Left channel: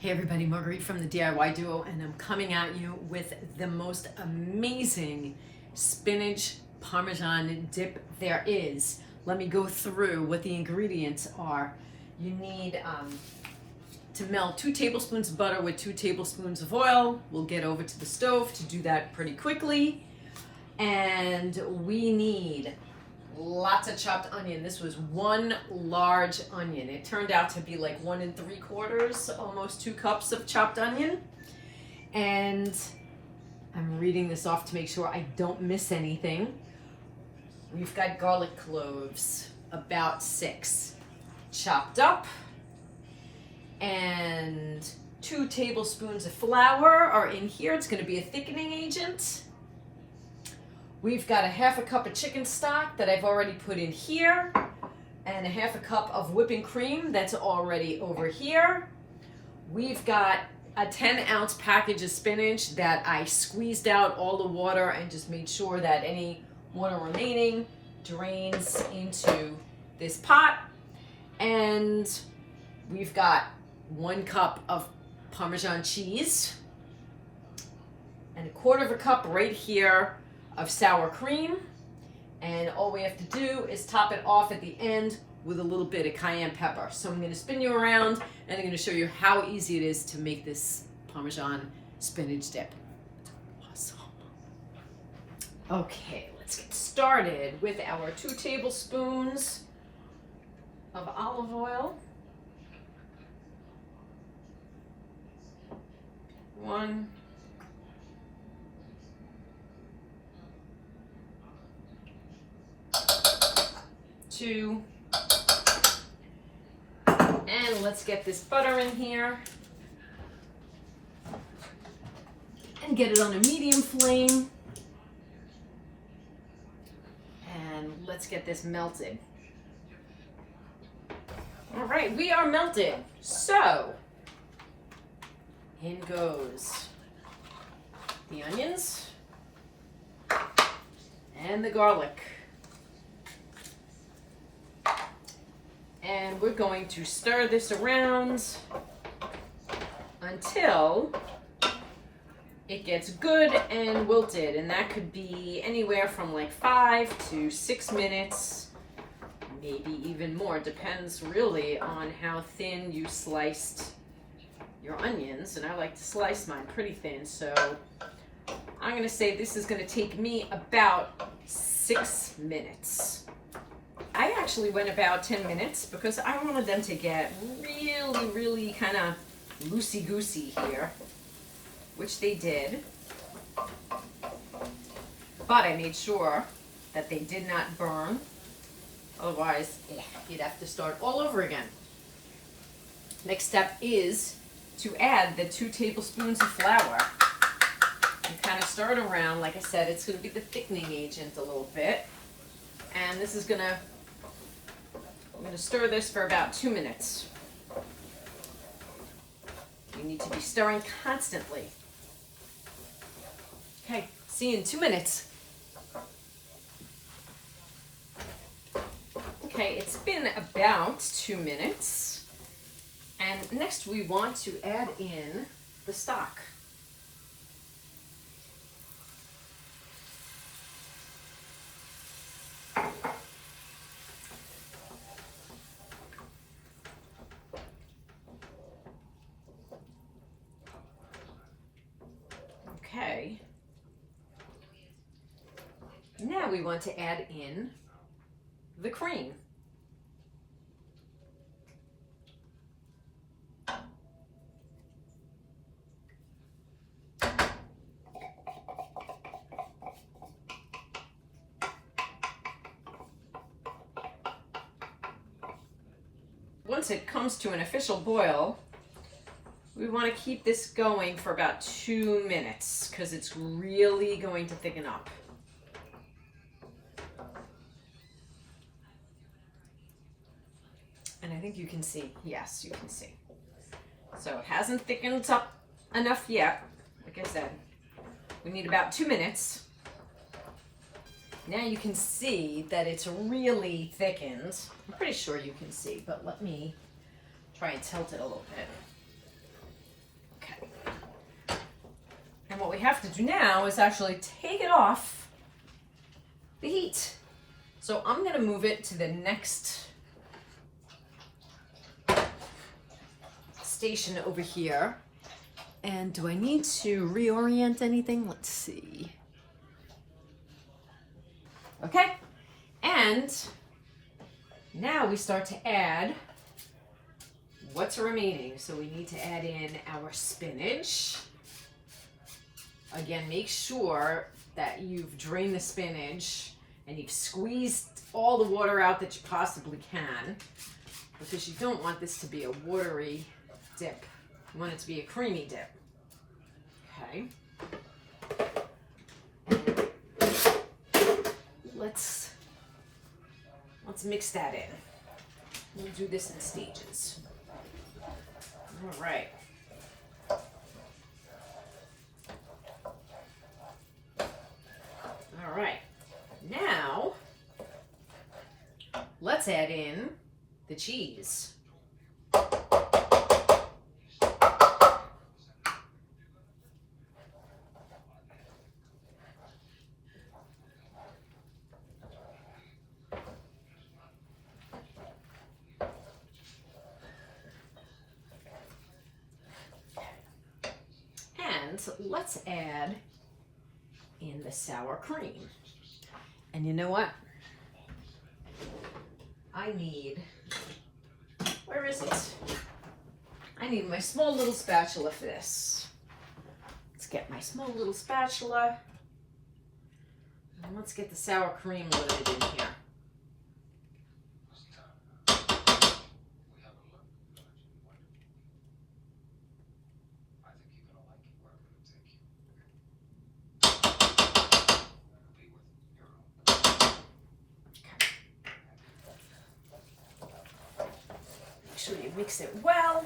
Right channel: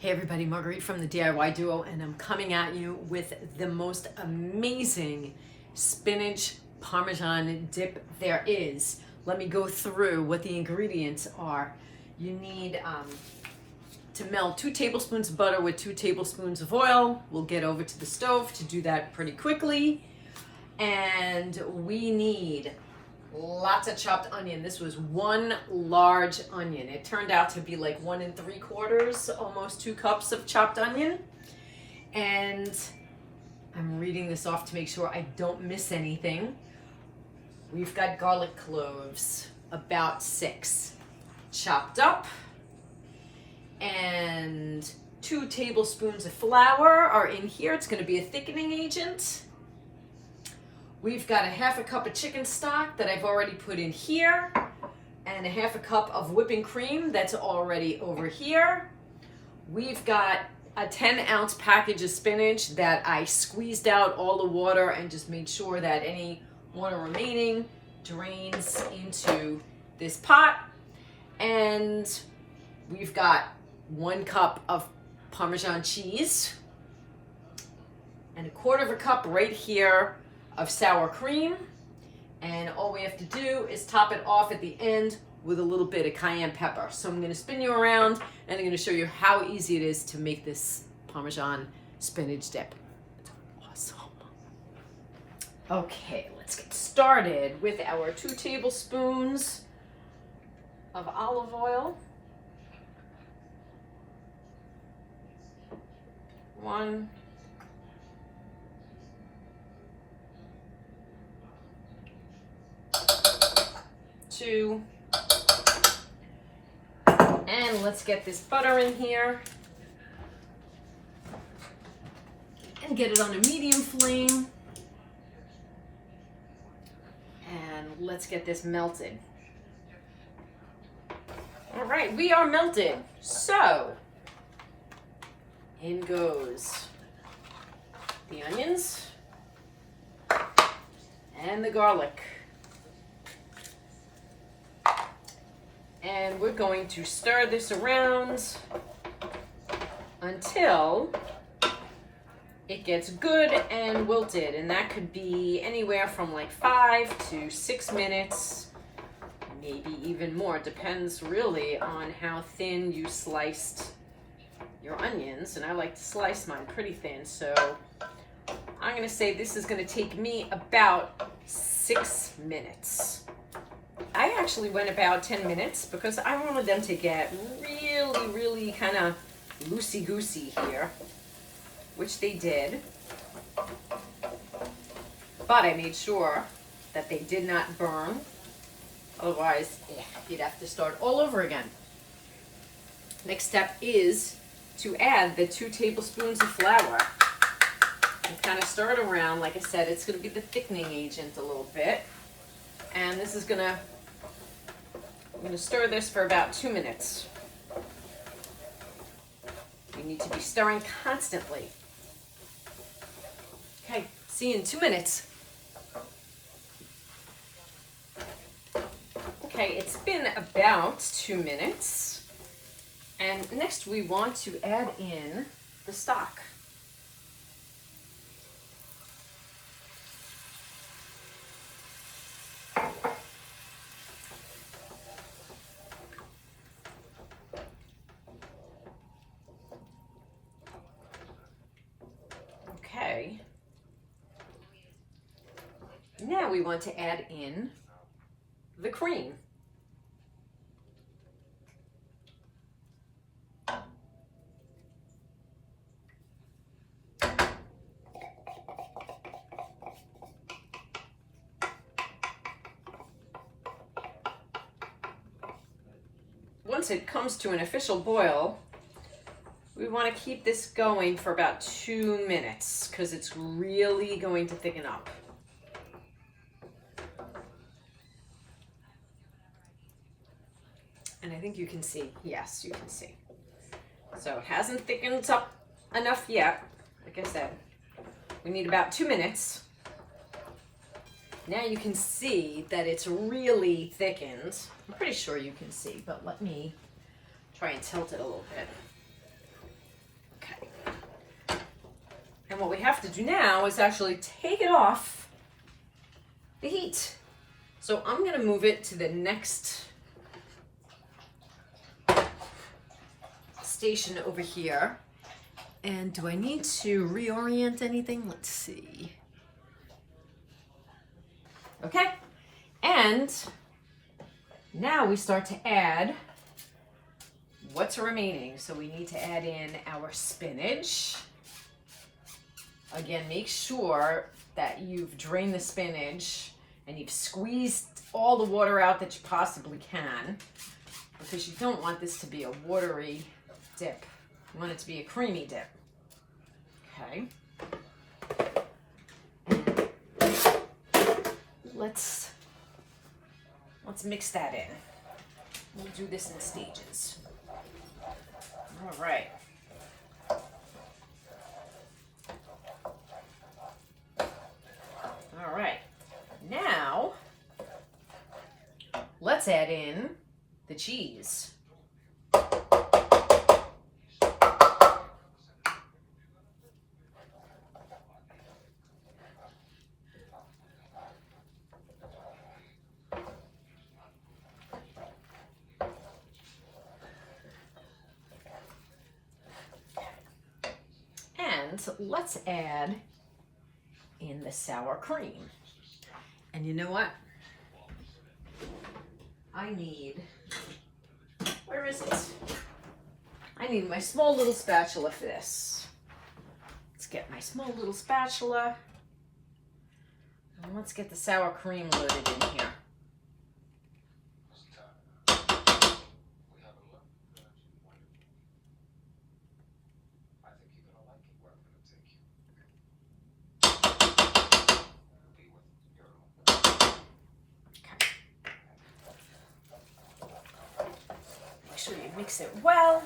Hey everybody, Marguerite from the DIY Duo, and I'm coming at you with the most amazing spinach Parmesan dip there is. Let me go through what the ingredients are. You need to melt 2 tablespoons of butter with 2 tablespoons of oil. We'll get over to the stove to do that pretty quickly. And we need lots of chopped onion. This was 1 large onion. It turned out to be like 1 3/4, almost 2 cups of chopped onion. And I'm reading this off to make sure I don't miss anything. We've got garlic cloves, about 6, chopped up. And 2 tablespoons of flour are in here. It's going to be a thickening agent. We've got a 1/2 cup of chicken stock that I've already put in here, and a 1/2 cup of whipping cream that's already over here. We've got a 10-ounce package of spinach that I squeezed out all the water and just made sure that any water remaining drains into this pot. And we've got 1 cup of Parmesan cheese and a 1/4 cup right here of sour cream, and all we have to do is top it off at the end with a little bit of cayenne pepper. So I'm going to spin you around and I'm going to show you how easy it is to make this Parmesan spinach dip. Awesome. Okay, let's get started with our 2 tablespoons of olive oil. 1, 2, and let's get this butter in here and get it on a medium flame, and let's get this melted. All right, we are melted. So in goes the onions and the garlic. And we're going to stir this around until it gets good and wilted. And that could be anywhere from like 5 to 6 minutes, maybe even more. Depends really on how thin you sliced your onions. And I like to slice mine pretty thin. So I'm going to say this is going to take me about 6 minutes. I actually went about 10 minutes because I wanted them to get really kind of loosey-goosey here, which they did. But I made sure that they did not burn. Otherwise, you'd have to start all over again. Next step is to add the 2 tablespoons of flour. And kind of stir it around. Like I said, it's going to be the thickening agent a little bit. And this is I'm going to stir this for about 2 minutes. You need to be stirring constantly. Okay, see you in 2 minutes. Okay, it's been about 2 minutes. And next we want to add in the stock. Okay, now we want to add in the cream. Once it comes to an official boil, we want to keep this going for about 2 minutes because it's really going to thicken up. And I think you can see, yes, you can see. So it hasn't thickened up enough yet. Like I said, we need about 2 minutes. Now you can see that it's really thickened. I'm pretty sure you can see, but let me try and tilt it a little bit. And what we have to do now is actually take it off the heat. So I'm gonna move it to the next station over here. And do I need to reorient anything? Let's see. Okay, and now we start to add what's remaining. So we need to add in our spinach. Again, make sure that you've drained the spinach and you've squeezed all the water out that you possibly can, because you don't want this to be a watery dip. You want it to be a creamy dip. Okay. Let's mix that in. We'll do this in stages. All right. All right. Now, let's add in the cheese. And let's add in the sour cream. And you know what? I need, where is it? I need my small little spatula for this. Let's get my small little spatula. And let's get the sour cream loaded in here. Make sure you mix it well.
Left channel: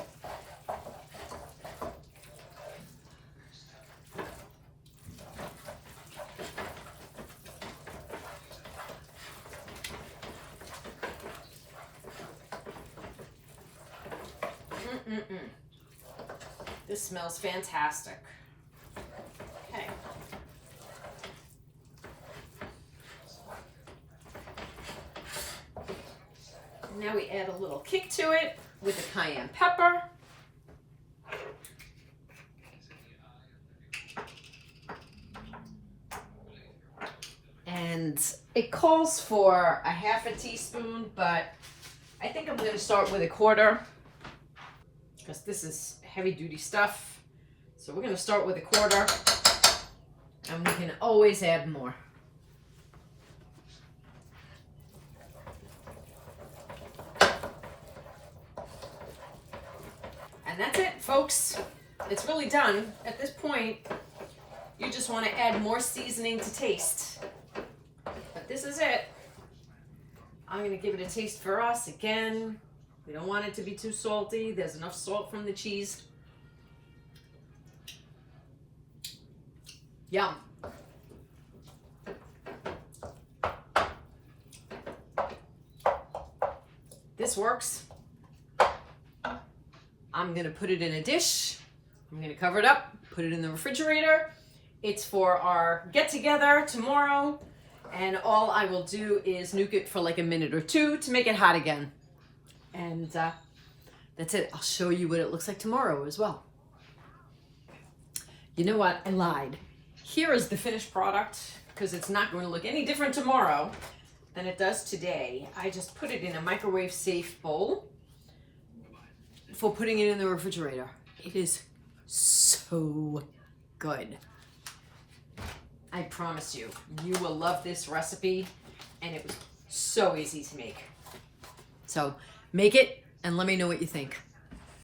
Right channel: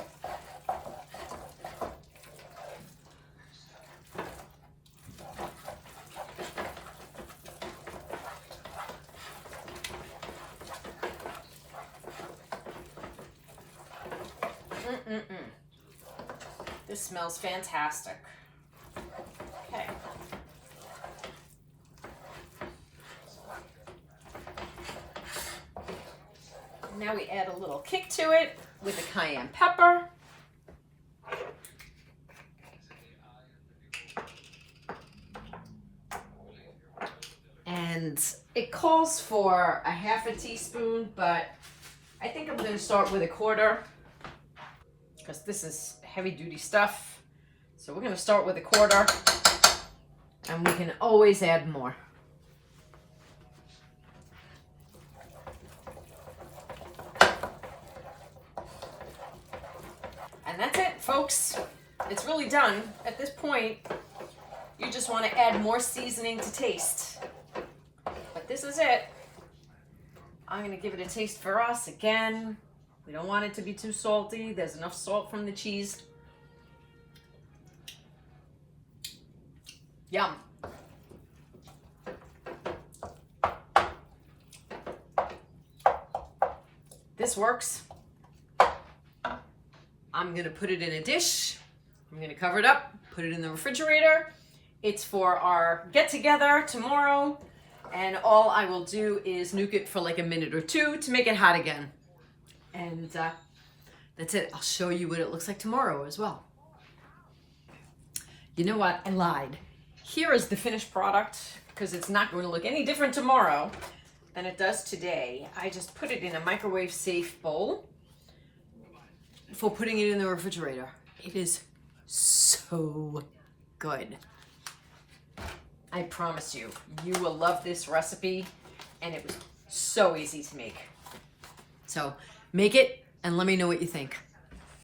This smells fantastic. Okay. Now we add a little kick to it with the cayenne pepper. And it calls for a half a teaspoon, but I think I'm going to start with a quarter because this is heavy duty stuff. So we're going to start with a quarter, and we can always add more. And that's it, folks. It's really done. At this point, you just want to add more seasoning to taste. But this is it. I'm going to give it a taste for us again. We don't want it to be too salty. There's enough salt from the cheese. Yum. This works. I'm going to put it in a dish. I'm going to cover it up, put it in the refrigerator. It's for our get-together tomorrow. And all I will do is nuke it for like a minute or two to make it hot again. And that's it. I'll show you what it looks like tomorrow as well. You know what? I lied. Here is the finished product, because it's not going to look any different tomorrow than it does today. I just put it in a microwave safe bowl before putting it in the refrigerator. It is so good. I promise you, you will love this recipe, and it was so easy to make. So make it and let me know what you think.